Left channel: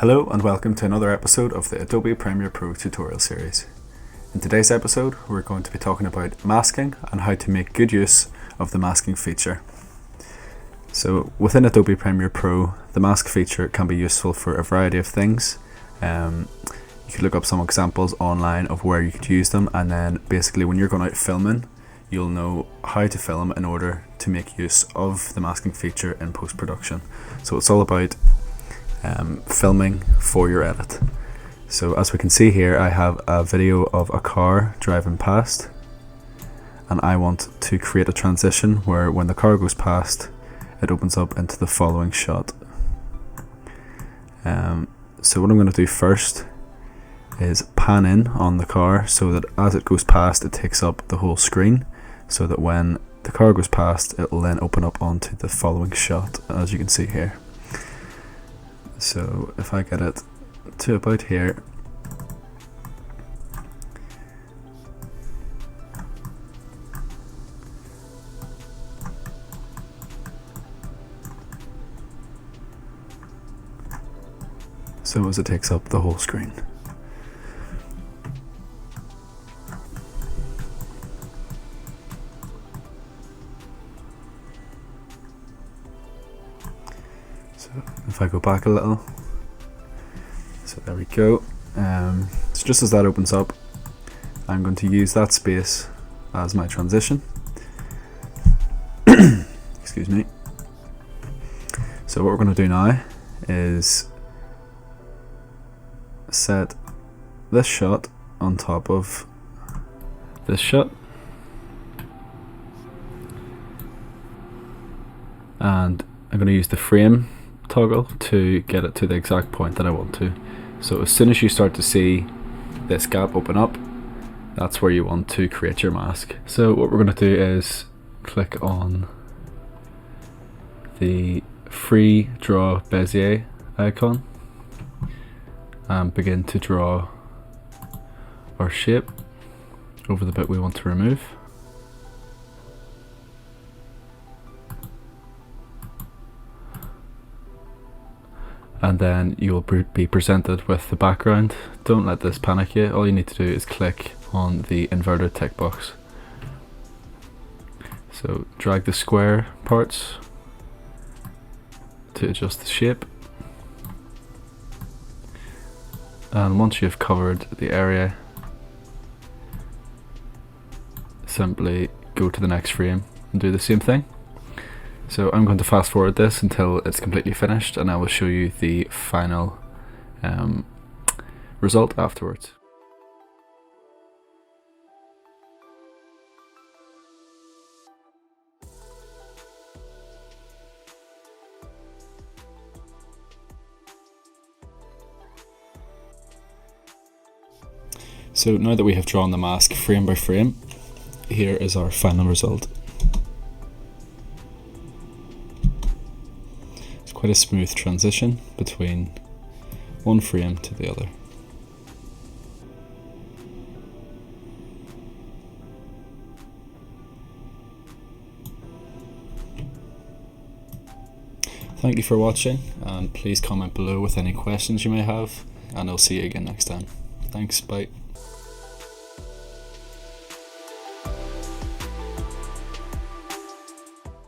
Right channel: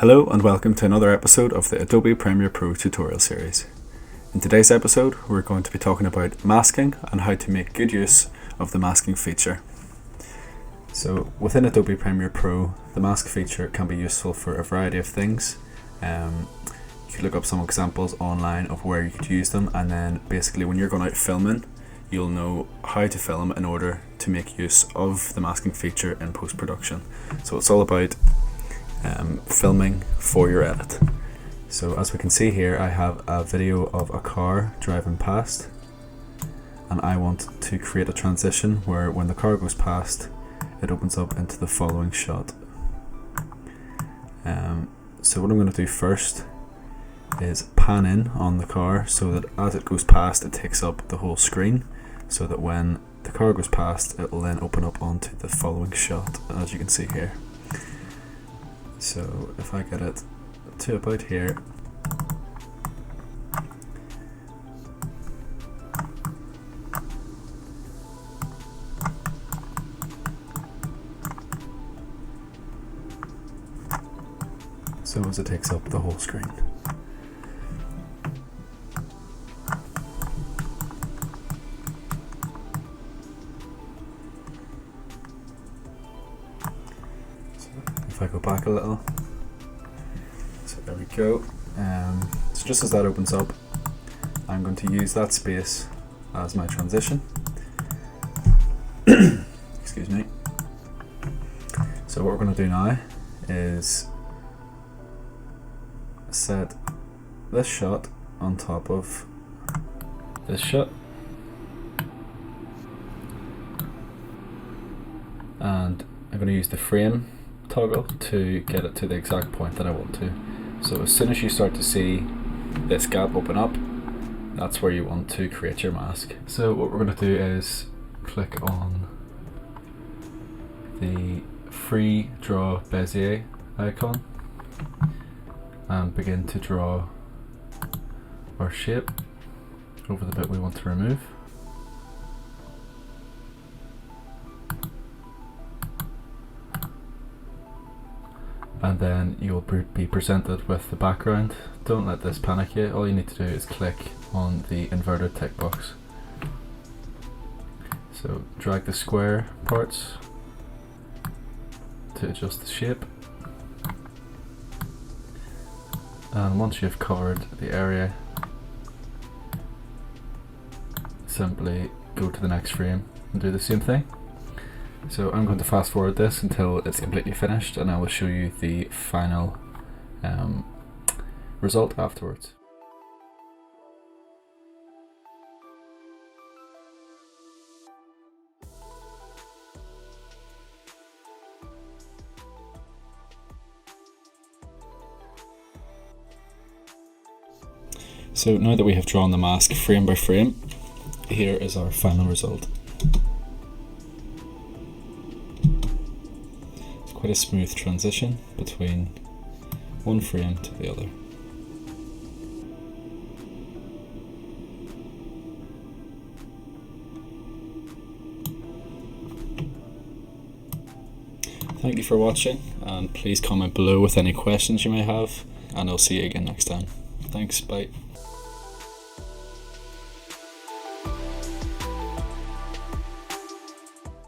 Hello and welcome to another episode of the Adobe Premiere Pro tutorial series. In today's episode, we're going to be talking about masking and how to make good use of the masking feature. So within Adobe Premiere Pro, the mask feature can be useful for a variety of things. You could look up some examples online of where you could use them, and then basically when you're going out filming, you'll know how to film in order to make use of the masking feature in post-production. So it's all about filming for your edit. So as we can see here, I have a video of a car driving past, and I want to create a transition where when the car goes past, it opens up into the following shot. So what I'm going to do first is pan in on the car so that as it goes past, it takes up the whole screen, so that when the car goes past, it will then open up onto the following shot, as you can see here. So if I get it to about here, so as it takes up the whole screen. So if I go back a little, so there we go. So just as that opens up, I'm going to use that space as my transition. Excuse me. So what we're going to do now is set this shot on top of this shot, and I'm going to use the frame toggle to get it to the exact point that I want to. So as soon as you start to see this gap open up, that's where you want to create your mask. So what we're going to do is click on the free draw Bezier icon and begin to draw our shape over the bit we want to remove. And then you'll be presented with the background. Don't let this panic you. All you need to do is click on the inverted tick box. So drag the square parts to adjust the shape. And once you've covered the area, simply go to the next frame and do the same thing. So I'm going to fast forward this until it's completely finished, and I will show you the final result afterwards. So now that we have drawn the mask frame by frame, here is our final result. It's quite a smooth transition between one frame to the other. Thank you for watching, and please comment below with any questions you may have, and I'll see you again next time. Thanks, bye.